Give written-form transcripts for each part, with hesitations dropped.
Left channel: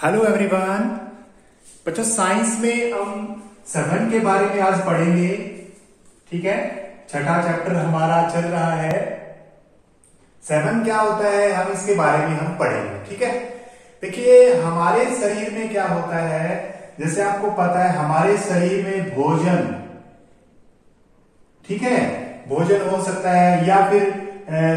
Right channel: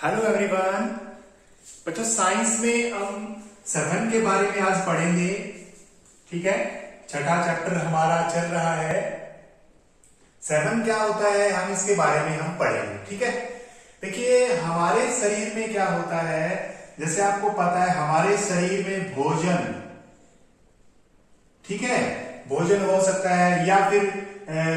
Hello everyone. बच्चों science में हम सघन के बारे में आज पढ़ेंगे। ठीक है, छठा चैप्टर हमारा चल रहा है। सघन क्या होता है हम इसके बारे में हम पढ़ेंगे। ठीक है, देखिए हमारे शरीर में क्या होता है, जैसे आपको पता है हमारे शरीर में भोजन, ठीक है, भोजन हो सकता है या फिर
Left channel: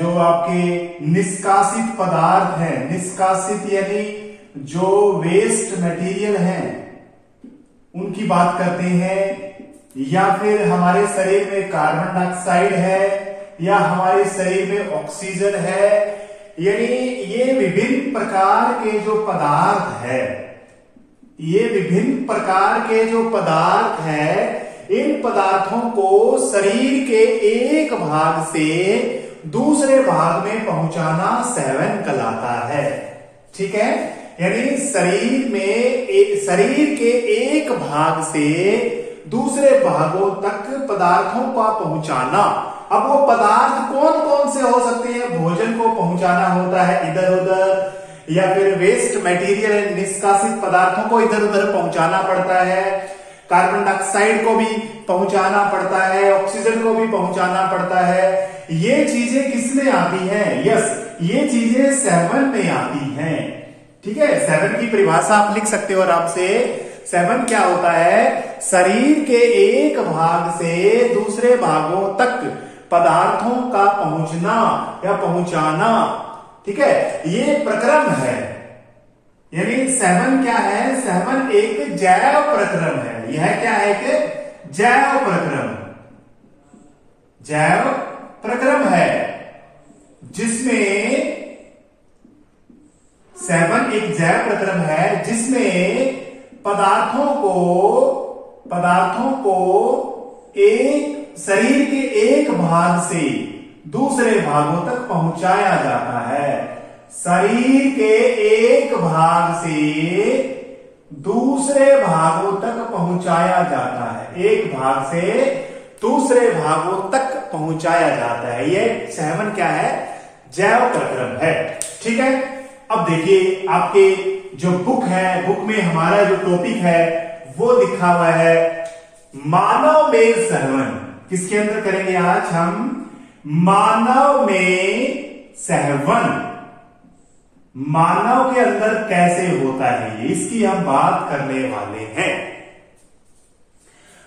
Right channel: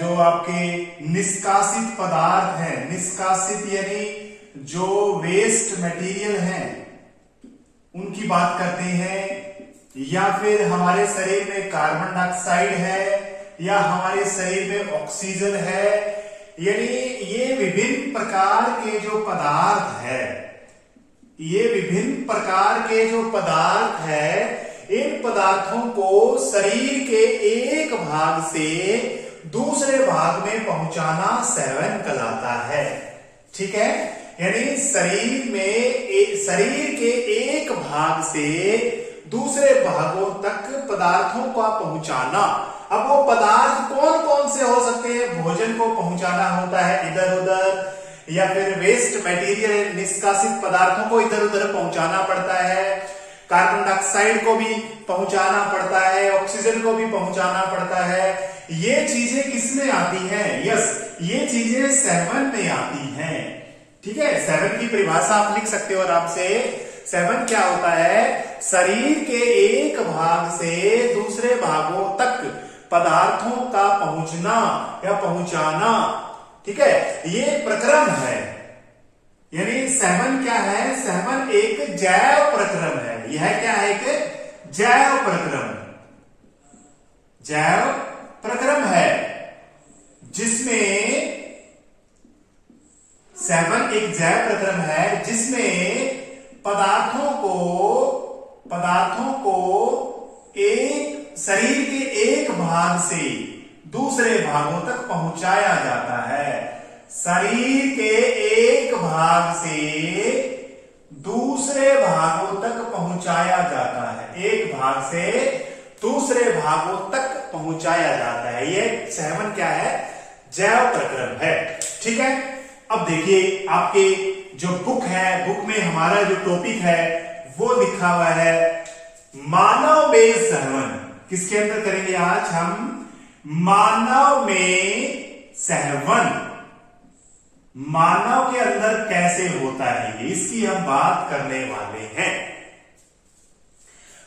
जो आपके निष्कासित पदार्थ हैं, निष्कासित यानी जो वेस्ट मटेरियल हैं उनकी बात करते हैं, या फिर हमारे शरीर में कार्बन डाइऑक्साइड है या हमारे शरीर में ऑक्सीजन है। यानी ये विभिन्न प्रकार के जो पदार्थ है, ये विभिन्न प्रकार के जो पदार्थ है, इन पदार्थों को शरीर के एक भाग से दूसरे भाग में पहुंचाना सेवन कहलाता है। ठीक है, यानी शरीर के एक भाग से दूसरे भागों तक पदार्थों का पहुंचाना। अब वो पदार्थ कौन कौन से हो सकते हैं? भोजन को पहुंचाना होता है इधर उधर, या फिर वेस्ट मटेरियल निष्कासित पदार्थों को इधर उधर पहुंचाना पड़ता है, कार्बन डाइऑक्साइड को भी पहुंचाना पड़ता है, ऑक्सीजन को भी पहुंचाना पड़ता है। ये चीजें किसमें आती हैं? यस, ये चीजें सेवन में आती हैं। ठीक है, सेवन की परिभाषा आप लिख सकते हो आराम से। सेवन क्या होता है? शरीर के एक भाग से दूसरे भागों तक पदार्थों का पहुंचना या पहुंचाना। ठीक है, ये प्रक्रम है। यानी सेवन क्या है? सेवन एक जैव प्रक्रम है। यह क्या है कि जैव प्रक्रम, जैव प्रक्रम है, जिसमें सेवन एक जैव प्रक्रम है जिसमें पदार्थों को एक शरीर के एक भाग से दूसरे भागों तक पहुंचाया जाता है। शरीर के एक भाग से दूसरे भागों तक पहुंचाया जाता है, एक भाग से दूसरे भागों तक पहुंचाया जाता है। ये सेवन क्या है? जैव प्रक्रम है। ठीक है, अब देखिए आपके जो बुक है, बुक में हमारा जो टॉपिक है वो लिखा हुआ है मानव में सहवन। किसके अंदर करेंगे आज हम? मानव में सहवन। मानव के अंदर कैसे होता है इसकी हम बात करने वाले हैं।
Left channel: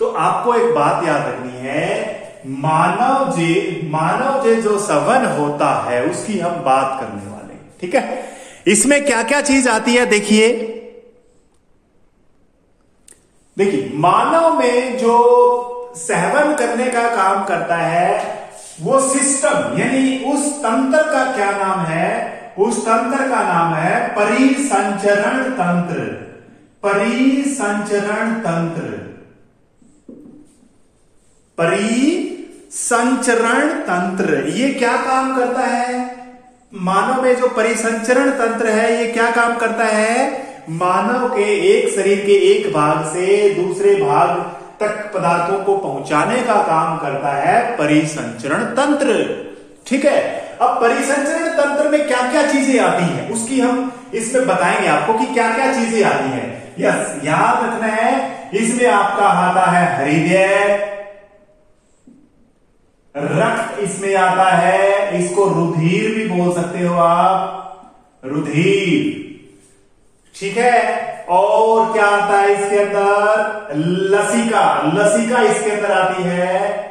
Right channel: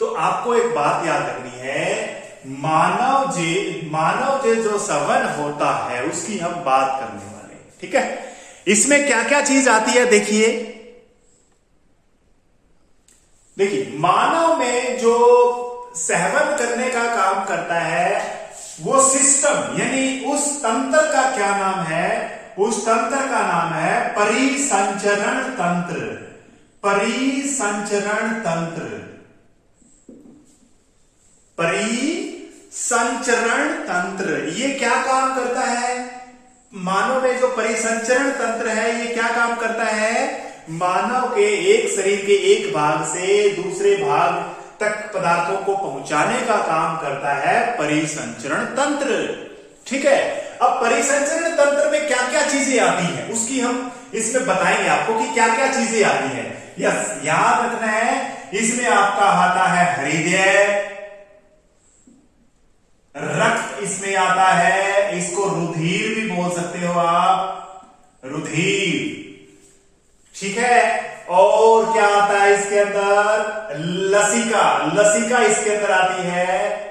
तो आपको एक बात याद रखनी है, मानव जे जो सवन होता है उसकी हम बात करने वाले हैं। ठीक है, इसमें क्या क्या चीज आती है देखिए। मानव में जो सहवन करने का काम करता है वो सिस्टम, यानी उस तंत्र का क्या नाम है? उस तंत्र का नाम है परिसंचरण तंत्र। परिसंचरण तंत्र, परिसंचरण तंत्र ये क्या काम करता है? मानव में जो परिसंचरण तंत्र है ये क्या काम करता है? मानव के एक शरीर के एक भाग से दूसरे भाग तक पदार्थों को पहुंचाने का काम करता है परिसंचरण तंत्र। ठीक है, अब परिसंचरण तंत्र में क्या क्या चीजें आती हैं उसकी हम इसमें बताएंगे आपको कि क्या क्या चीजें आती हैं। यस, याद रखना है, इसमें आपका आता है हृदय, रक्त इसमें आता है, इसको रुधिर भी बोल सकते हो आप, रुधिर। ठीक है, और क्या आता है इसके अंदर? लसिका, लसिका इसके अंदर आती है,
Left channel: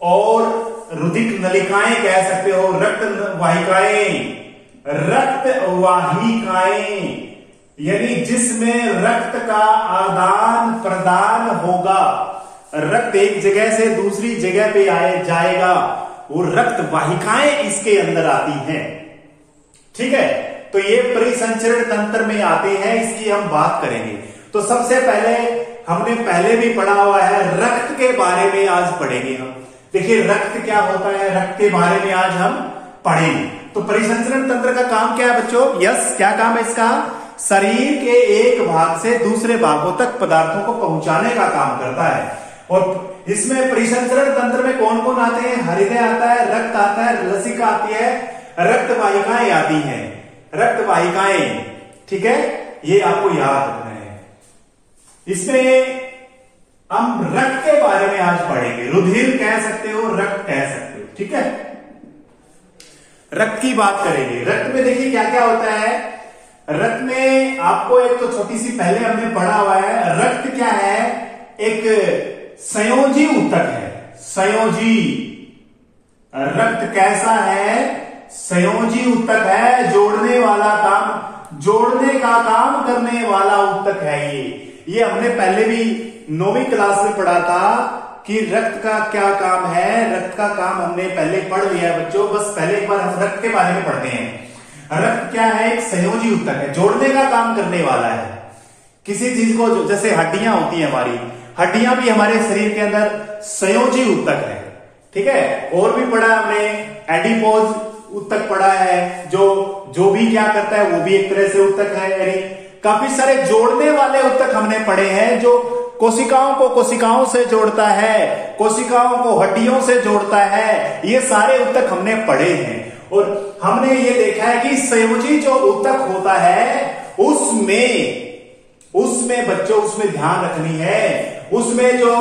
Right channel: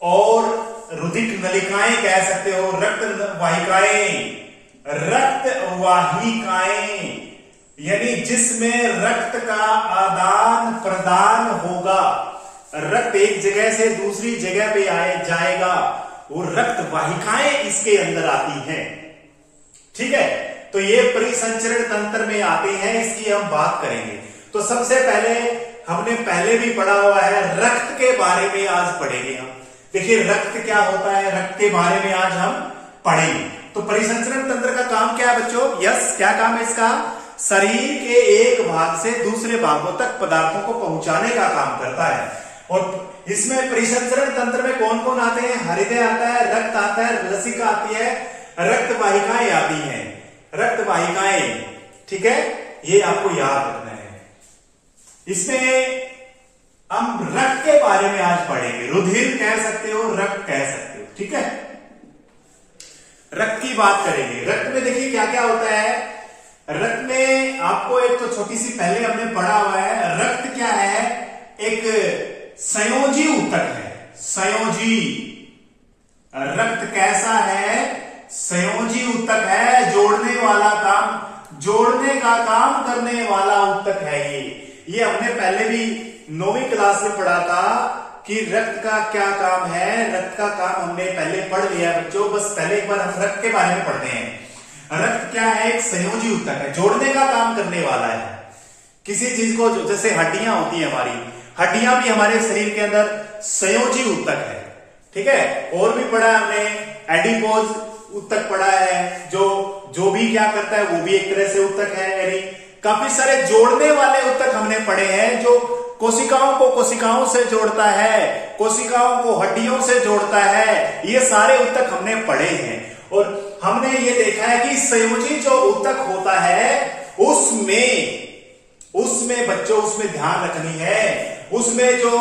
और रुधिक नलिकाएं कह सकते हो, रक्त वाहिकाएं, रक्त वाहिकाएं यानी जिसमें रक्त का आदान प्रदान होगा, रक्त एक जगह से दूसरी जगह पे जाएगा, वो रक्त वाहिकाएं इसके अंदर आती हैं। ठीक है, तो ये परिसंचरण तंत्र में आते हैं, इसकी हम बात करेंगे। तो सबसे पहले हमने पहले भी पढ़ा हुआ है, रक्त के बारे में आज पढ़ेंगे हम। देखिए रक्त क्या होता है, रक्त के बारे में आज हम पढ़ेंगे। तो परिसंचरण तंत्र का काम क्या है बच्चों? यस, क्या काम है इसका? शरीर के एक भाग से दूसरे भागों तक पदार्थों को पहुंचाने का काम करता है। और इसमें परिसंचरण तंत्र में कौन कौन आते हैं? हृदय आता है, रक्त आता है, लसिका आती है, रक्त वाहिकाएं आती हैं, रक्त वाहिकाएं, ठीक है, ये आपको याद रखना है। इसमें हम रक्त के बारे में आज पढ़ेंगे। रुधिर कह सकते हो, रक्त कह सकते हो, ठीक है। रक्त की बात करेंगे। रक्त में देखिए क्या क्या होता है। रक्त में आपको एक तो छोटी सी पहले हमने पढ़ा हुआ है, रक्त क्या है, एक संयोजी ऊतक है। संयोजी रक्त कैसा है, संयोजी ऊतक है, जोड़ने वाला काम, जोड़ने का काम करने वाला ऊतक है ये हमने पहले भी 9वीं क्लास में पढ़ा था कि रक्त का क्या काम है। रक्त का काम हमने पहले पढ़ लिया बच्चों, बस पहले एक बार हम रक्त के बारे में पढ़ते हैं। रक्त क्या है, एक संयोजी ऊतक है, जोड़ने का काम करने वाला है किसी चीज को। जैसे हड्डियां होती है, हमारी हड्डियां भी हमारे शरीर के अंदर संयोजी ऊतक है, ठीक है। और भी पढ़ा हमने एडिपोज ऊतक पढ़ा है, जो भी क्या करता है वो भी एक तरह से ऊतक है। यानी काफी सारे जोड़ने वाले ऊतक हमने पढ़े हैं, जो कोशिकाओं को कोशिकाओं से जोड़ता है, कोशिकाओं को हड्डियों से जोड़ता है। ये सारे ऊतक हमने पढ़े हैं और हमने ये देखा है कि संयोजी जो ऊतक होता है उसमें बच्चों, उसमें ध्यान रखनी है, उसमें जो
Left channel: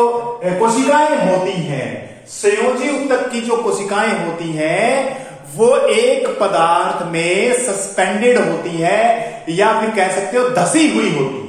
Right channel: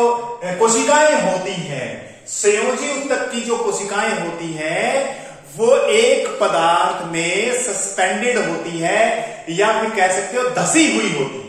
कोशिकाएं होती हैं, संयोजी ऊतक की जो कोशिकाएं होती हैं वो एक पदार्थ में सस्पेंडेड होती है, या फिर कह सकते हो धसी हुई होती है।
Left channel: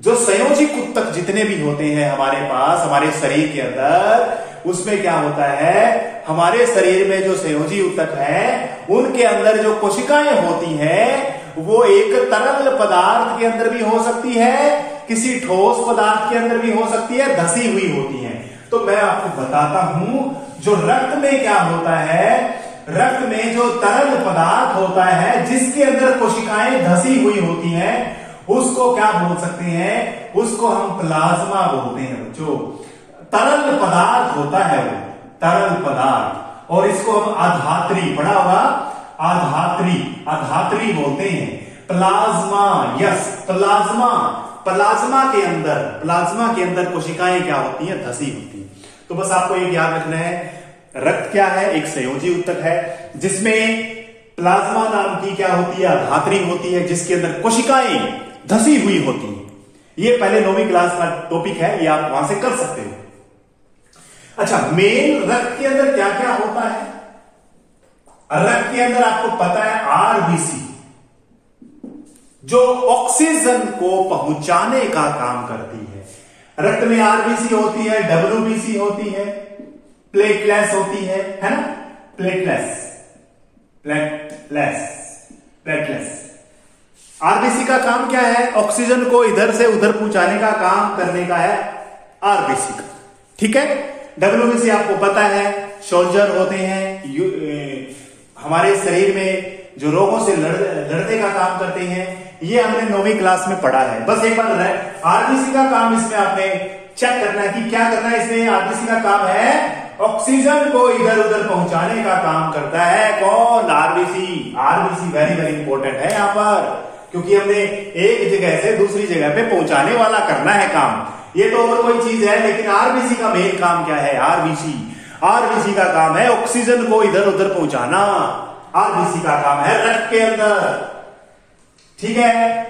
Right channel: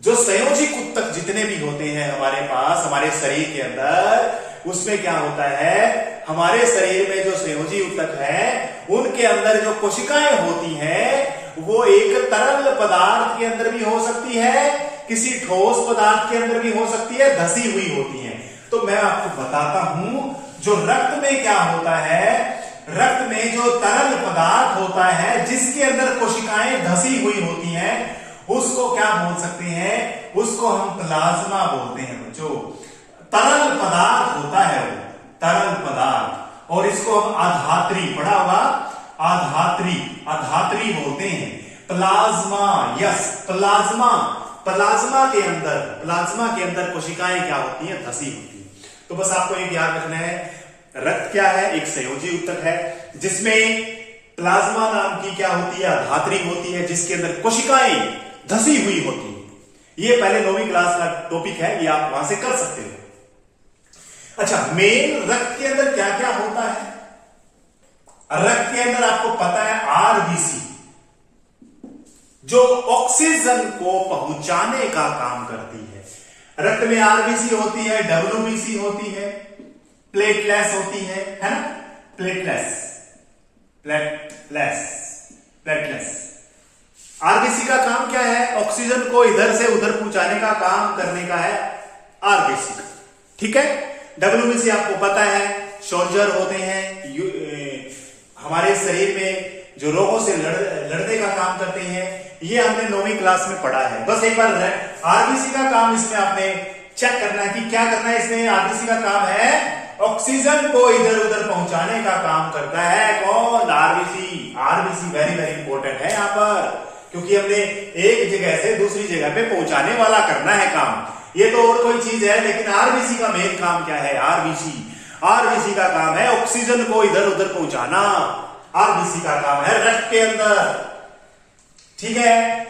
जो संयोजी ऊतक जितने भी होते हैं हमारे पास, हमारे शरीर के अंदर, उसमें क्या होता है, हमारे शरीर में जो संयोजी ऊतक है उनके अंदर जो कोशिकाएं होती हैं वो एक तरल पदार्थ के अंदर भी हो सकती है, किसी ठोस पदार्थ के अंदर भी हो सकती है, धसी हुई होती है। तो मैं आपको बताता हूं जो रक्त में क्या होता है। रक्त में जो तरल पदार्थ होता है जिसके अंदर कोशिकाएं धसी हुई होती हैं, उसको क्या बोल सकते हैं, उसको हम प्लाज्मा बोलते हैं बच्चों। तरल पदार्थ होता है वो, तरल पदार्थ, और इसको हम आधात्री, पढ़ा होगा, आधात्री बोलते हैं। प्लाज्मा, यस, प्लाज्मा के अंदर कोशिकाएं क्या होती हैं, धसी होती हैं। तो बस आपको ये याद रखना है, रक्त क्या है, एक संयोजी ऊतक है जिसमें प्लाज्मा नाम की क्या होती है, धात्री होती है, जिसके अंदर कोशिकाएं धसी हुई होती है। ये पहले 9वीं क्लास का टॉपिक है, ये आप वहां से कर सकते हो। अच्छा, मेन रक्त के अंदर क्या क्या होता है। रक्त के अंदर आपको पता है आरबीसी, जो ऑक्सीजन को पहुंचाने का काम करती है। रक्त में आरबीसी होती है, डब्ल्यूबीसी होती है, प्लेटलेट्स होती है ना, प्लेटलेट्स। आरबीसी का काम क्या है, ऑक्सीजन को इधर से उधर पहुंचाने का काम करने का है आरबीसी का, ठीक है। डब्ल्यूबीसी आपको पता है, सोल्जर होते हैं, हमारे शरीर में जो रोगों से लड़ने का काम करते हैं। ये हमने 9वीं क्लास में पढ़ा है। बस एक बार आरबीसी का काम इसमें आपने चेक करना है कि क्या करना है। इसमें आरबीसी का काम है ऑक्सीजन को इधर उधर पहुंचाने का काम करता है। कौन, RBC. RBC very very important है यहाँ पर, क्योंकि हमने एक जगह से दूसरी जगह पे पहुंचाने वाला करना है काम। ये तो और कोई चीज है, लेकिन आरबीसी का मेन काम क्या है, आरबीसी का काम है ऑक्सीजन को इधर उधर पहुंचाना। आरबीसी का काम है रक्त के अंदर, ठीक है।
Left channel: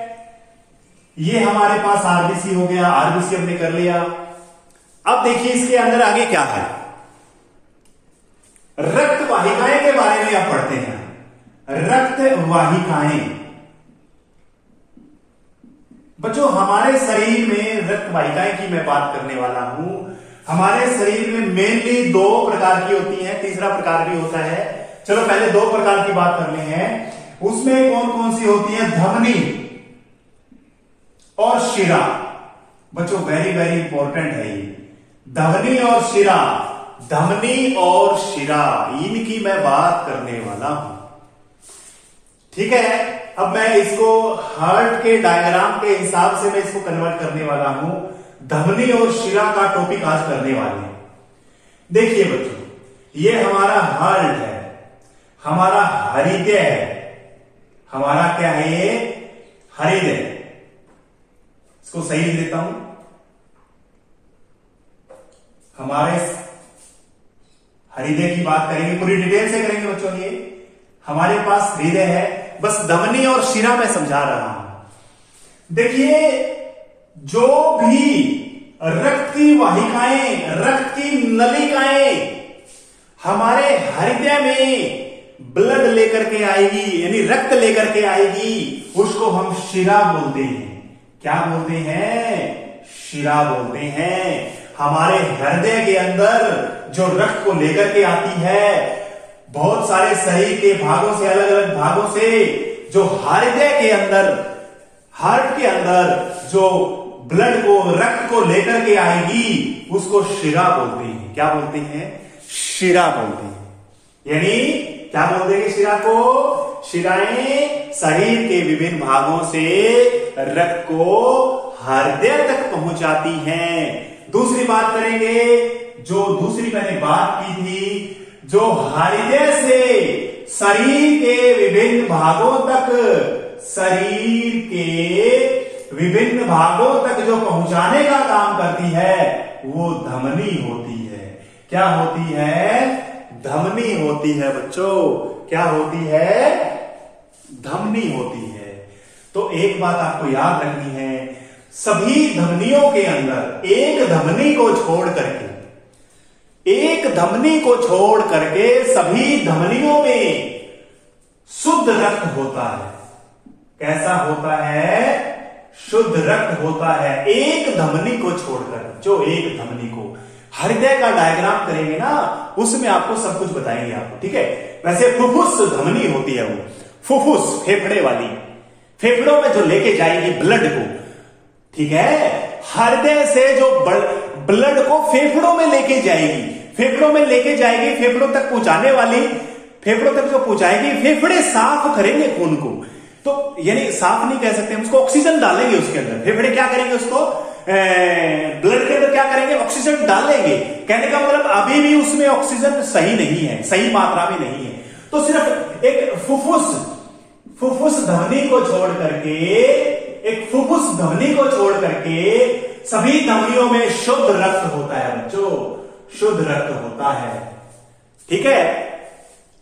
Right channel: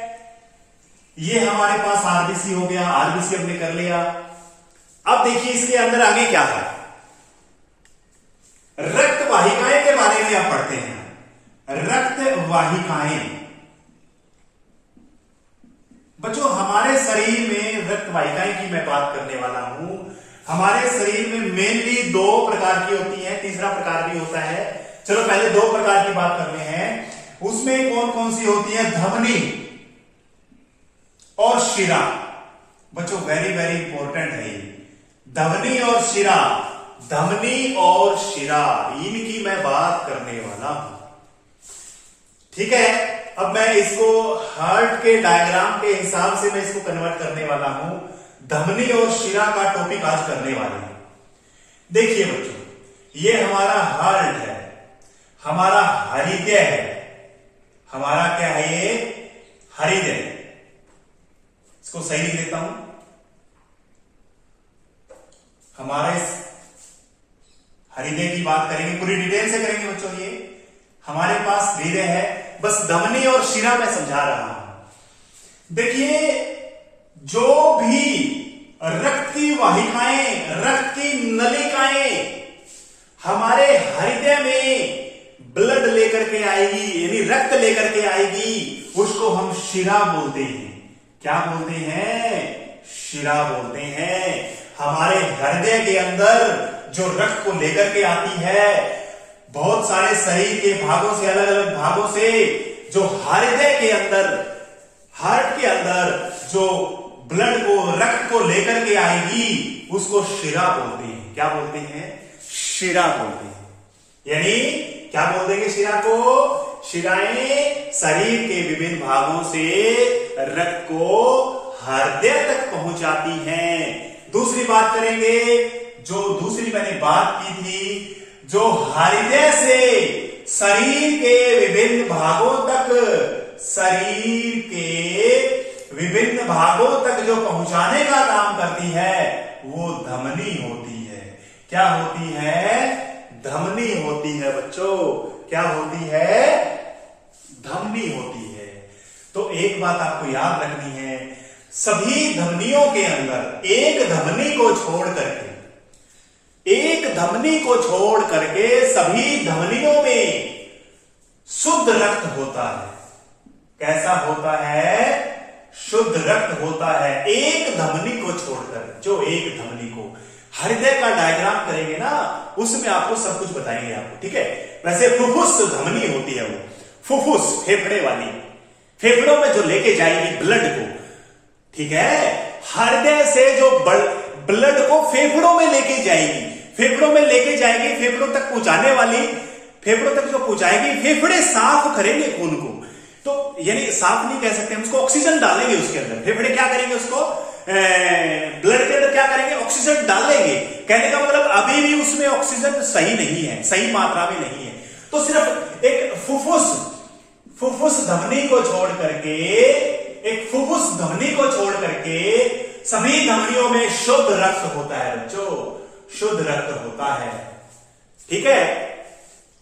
ये हमारे पास आरबीसी हो गया, आरबीसी हमने कर लिया। अब देखिए इसके अंदर आगे क्या है, रक्त वाहिकाएं के बारे में आप पढ़ते हैं। रक्त वाहिकाएं बच्चों, हमारे शरीर में रक्त वाहिकाएं की मैं बात करने वाला हूं। हमारे शरीर में मेनली 2 प्रकार की होती हैं, तीसरा प्रकार भी होता है। चलो पहले 2 प्रकार की बात करते हैं। उसमें कौन कौन सी होती है, धमनी और शिरा। बच्चों वेरी वेरी इंपॉर्टेंट है ये, धमनी और शिरा। धमनी और शिरा, इनकी मैं बात करने वाला हूं, ठीक है। अब मैं इसको हार्ट के डायग्राम के हिसाब से मैं इसको कन्वर्ट करने वाला हूं। धमनी और शिरा का टॉपिक आज करने वाले हैं। देखिए बच्चों, ये हमारा हार्ट है, हमारा हृदय है, हमारा क्या है ये, हृदय। इसको सही लिख देता हूं, हमारे हृदय की बात करेंगे, पूरी डिटेल से करेंगे बच्चों। ये हमारे पास हृदय है, बस धमनी और शिरा में समझा रहा हूं। देखिए, जो भी रक्त की वाहिकाएं, रक्त की नलिकाएं हमारे हृदय में ब्लड लेकर के आएगी, यानी रक्त लेकर के आएगी, उसको हम शिरा बोलते हैं। क्या बोलते हैं? शिरा बोलते हैं। हमारे हृदय के अंदर जो रक्त को लेकर के आती है, बहुत सारे शरीर के भागों से, अलग अलग भागों से, जो हृदय के अंदर, हार्ट के अंदर जो ब्लड को, रक्त को लेकर के आएगी, उसको शिरा बोलते हैं। क्या बोलते हैं? शिरा बोलते हैं। यानी क्या बोलते हैं शिरा को? शिराएं शरीर के विभिन्न भागों से रक्त को हृदय तक पहुंचाती हैं। दूसरी बात करेंगे, जो दूसरी मैंने बात की थी, जो हृदय से शरीर के विभिन्न भागों तक, शरीर के विभिन्न भागों तक जो पहुंचाने का काम करती है, वो धमनी होती है। क्या होती है? धमनी होती है बच्चों। क्या होती है? धमनी होती है। तो एक बात आपको याद रखनी है, सभी धमनियों के अंदर एक धमनी को छोड़ करके, एक धमनी को छोड़ करके सभी धमनियों में शुद्ध रक्त होता है। कैसा होता है? शुद्ध रक्त होता है, एक धमनी को छोड़कर। जो एक धमनी को, हृदय का डायग्राम करेंगे ना, उसमें आपको सब कुछ बताएंगे आपको, ठीक है। वैसे फुफ्फुस धमनी होती है, वो फुफ्फुस फेफड़े वाली, फेफड़ों में जो लेके जाएगी ब्लड को, ठीक है। हृदय से जो ब्लड को फेफड़ों में लेके जाएगी, फेफड़ों में लेके जाएगी, फेफड़ों तक पहुंचाने वाली, फेफड़ों तक जो पहुंचाएगी, फेफड़े साफ करेंगे खून को। तो यानी साफ नहीं कह सकते हम उसको, ऑक्सीजन डालेंगे उसके अंदर। फेफड़े क्या करेंगे? उसको ब्लड के अंदर क्या करेंगे? ऑक्सीजन डालेंगे। कहने का मतलब अभी भी उसमें ऑक्सीजन सही नहीं है, सही मात्रा में नहीं है। तो सिर्फ एक फुफ्फुस धमनी को छोड़ करके, एक फुफ्फुस धमनी को छोड़ करके सभी धमनियों में शुद्ध रक्त होता है बच्चों, शुद्ध रक्त होता है, ठीक है।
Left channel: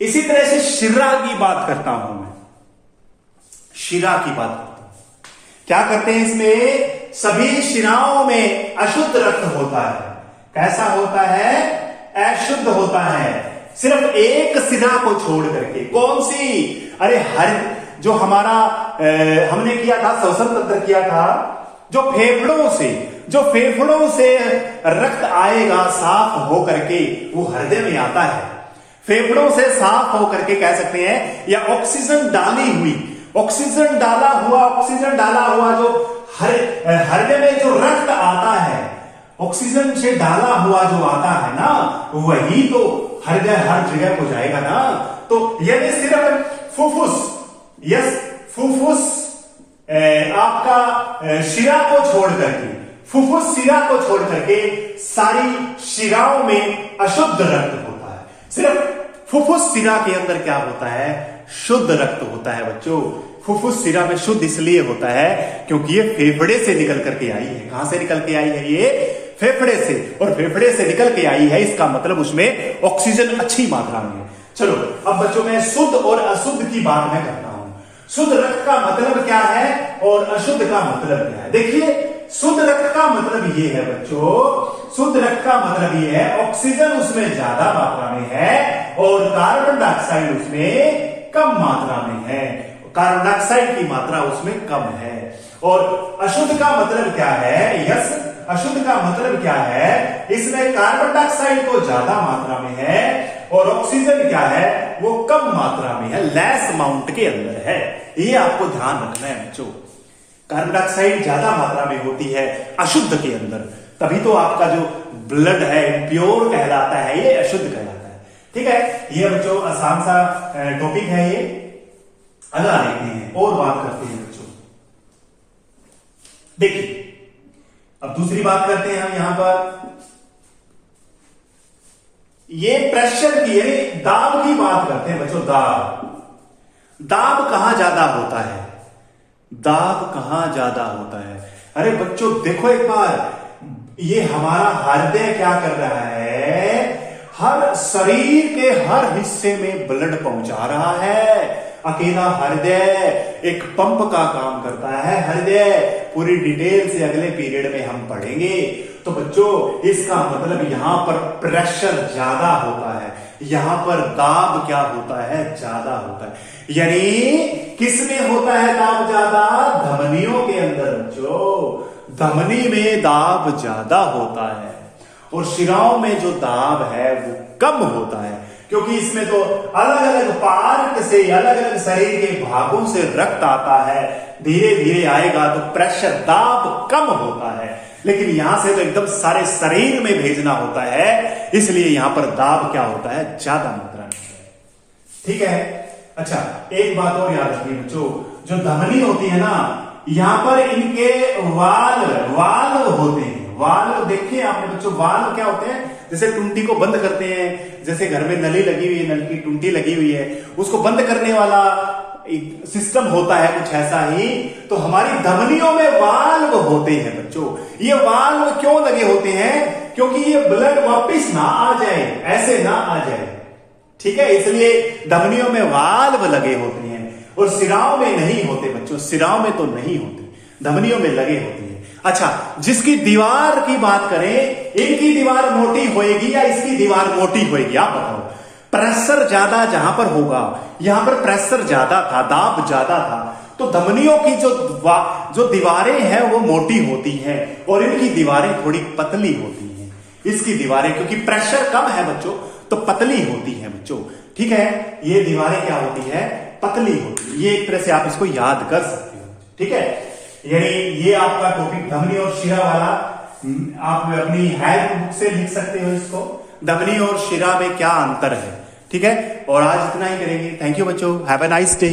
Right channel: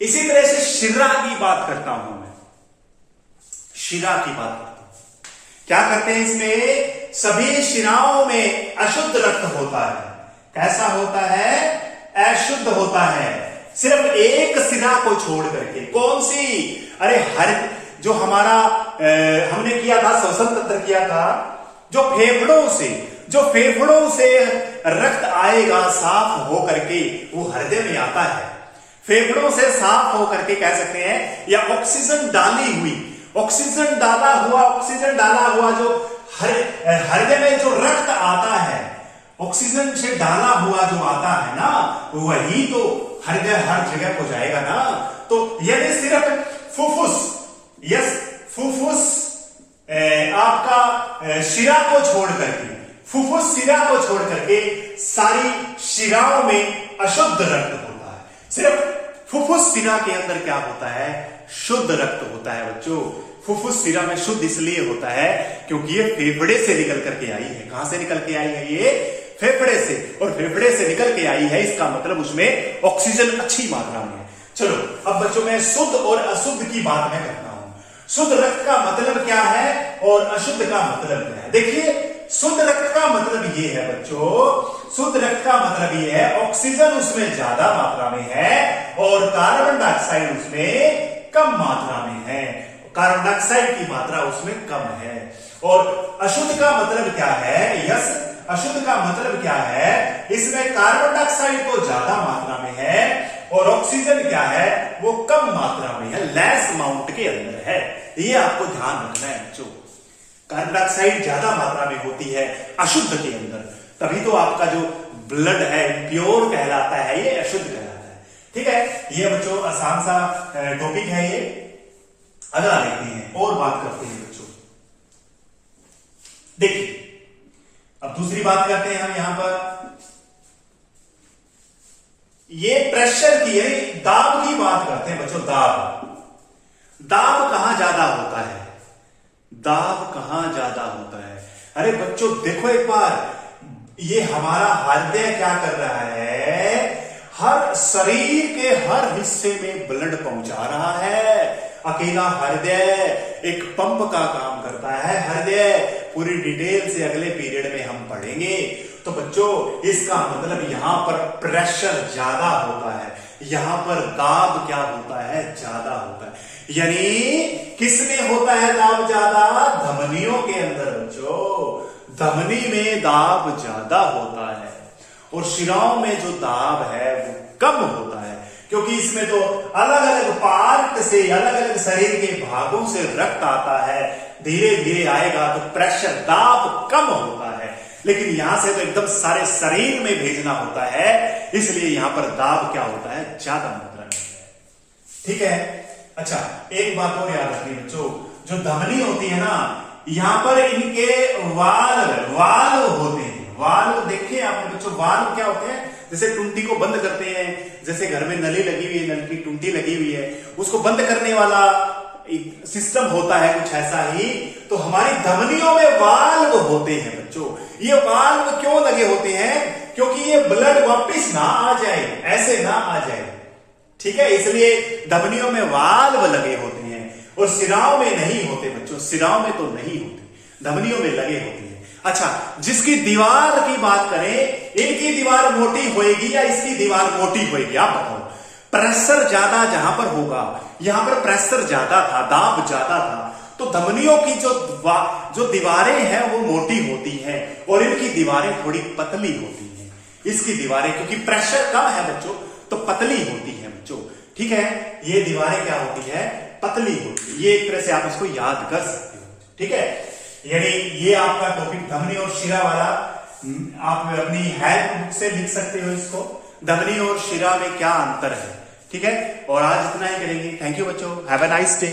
इसी तरह से शिरा की बात करता हूं मैं, शिरा की बात करता हूं। क्या करते हैं इसमें? सभी शिराओं में अशुद्ध रक्त होता है। कैसा होता है? अशुद्ध होता है। सिर्फ एक शिरा को छोड़ करके। कौन सी? अरे हर जो हमारा हमने किया था, श्वसन तंत्र किया था, जो फेफड़ों से रक्त आएगा साफ हो करके, वो हृदय में आता है। फेफड़ों से साफ हो करके कह सकते हैं, या ऑक्सीजन डाली हुई, ऑक्सीजन डाला हुआ जो हृदय में जो रक्त आता है, ऑक्सीजन से डाला हुआ जो आता है ना, वही तो हृदय हर जगह को जाएगा ना। तो यदि सिर्फ फुफ्फुस, यस फुफ्फुस आपका शिरा को छोड़ करके, फुफ्फुस शिरा को छोड़ करके सारी शिराओं में अशुद्ध रक्त होता है। सिर्फ फुफ्फुस शिरा के अंदर क्या होता है? शुद्ध रक्त होता है बच्चों। फुफ्फुस शिरा में शुद्ध इसलिए होता है क्योंकि ये फेफड़े से निकल करके आई है। कहां से निकल के आई है? ये फेफड़े से, और फेफड़े से निकल के आई है, इसका मतलब उसमें ऑक्सीजन अच्छी मात्रा में है। चलो अब बच्चों में शुद्ध और अशुद्ध की बात मैं करता हूं। शुद्ध रक्त का मतलब क्या है और अशुद्ध का मतलब क्या है? देखिए, शुद्ध रक्त का मतलब ये है बच्चों, शुद्ध रक्त का मतलब ये है ऑक्सीजन उसमें ज्यादा मात्रा में है और कार्बन डाइऑक्साइड उसमें कम मात्रा में है, कार्बन डाइऑक्साइड की मात्रा उसमें कम है। और अशुद्ध का मतलब क्या है? यस, अशुद्ध का मतलब क्या है? इसमें कार्बन डाइऑक्साइड तो ज्यादा मात्रा में है और ऑक्सीजन क्या है? वो कम मात्रा में है, लेस अमाउंट के अंदर है। ये आपको ध्यान रखना है बच्चों। कार्बन डाइऑक्साइड ज्यादा मात्रा में होती है अशुद्ध के अंदर, तभी तो आपका जो ब्लड है प्योर कहलाता है, ये अशुद्ध कहलाता है। ठीक है, ये बच्चों आसान सा टॉपिक है ये। अगला देखते हैं और बात करते हैं बच्चों। देखिए अब दूसरी बात करते हैं हम यहां पर, ये प्रेशर की यानी दाब की बात करते हैं बच्चों। दाब कहां ज्यादा होता है? दाब कहां ज्यादा होता है? अरे बच्चों देखो एक बार, ये हमारा हृदय क्या कर रहा है? हर शरीर के हर हिस्से में ब्लड पहुंचा रहा है। अकेला हृदय एक पंप का काम करता है। हृदय पूरी डिटेल से अगले पीरियड में हम पढ़ेंगे। तो बच्चों इसका मतलब यहां पर प्रेशर ज्यादा होता है, यहां पर दाब क्या होता है, ज्यादा होता है। यानी किस में होता है दाब ज्यादा? धमनियों के अंदर बच्चों, धमनी में दाब ज्यादा होता है और शिराओं में जो दाब है वो कम होता है, क्योंकि इसमें तो अलग अलग पार्ट से, अलग अलग शरीर के भागों से रक्त आता है, धीरे धीरे आएगा तो प्रेशर दाब कम होता है। लेकिन यहां से तो एकदम सारे शरीर में भेजना होता है, इसलिए यहां पर दाब क्या होता है? ज्यादा मात्रा में है। ठीक है। अच्छा, एक बात और याद रखिए बच्चों, जो धमनी होती है ना, यहां पर इनके वाल्व होते हैं। वाल्व देखिए आपने बच्चों, वाल्व क्या होते हैं? जैसे टुंटी को बंद करते हैं, जैसे घर में नली लगी हुई है, नल की टुंटी लगी हुई है, उसको बंद करने वाला सिस्टम होता है कुछ ऐसा ही। तो हमारी धमनियों में वाल्व होते हैं बच्चों। ये वाल्व क्यों लगे होते हैं? क्योंकि ये ब्लड वापस ना आ जाए, ऐसे ना आ जाए। ठीक है, इसलिए धमनियों में वाल्व लगे होते हैं और सिराओं में नहीं होते बच्चों, सिराओं में तो नहीं होते, धमनियों में लगे होते हैं। अच्छा, जिसकी दीवार की बात करें, इनकी दीवार मोटी होएगी या इसकी दीवार मोटी होएगी? आप बताओ। प्रेशर ज्यादा जहां पर होगा, यहां पर प्रेशर ज्यादा था, दाब ज्यादा था, तो धमनियों की जो दीवारें हैं वो मोटी होती हैं और इनकी दीवारें थोड़ी पतली होती हैं। इसकी दीवारें क्योंकि प्रेशर कम है बच्चों तो पतली होती है बच्चों। ठीक है, ये दीवारें क्या होती है? पतली होती है। ये एक तरह से आप इसको याद कर सकते हो। ठीक है, यानी ये आपका टॉपिक धमनी और शिरा वाला आप अपनी हेल्थ बुक से लिख सकते हो इसको, धमनी और शिरा में क्या अंतर है। ठीक है, और आज इतना ही करेंगे। थैंक यू बच्चों, हैव अ नाइस डे।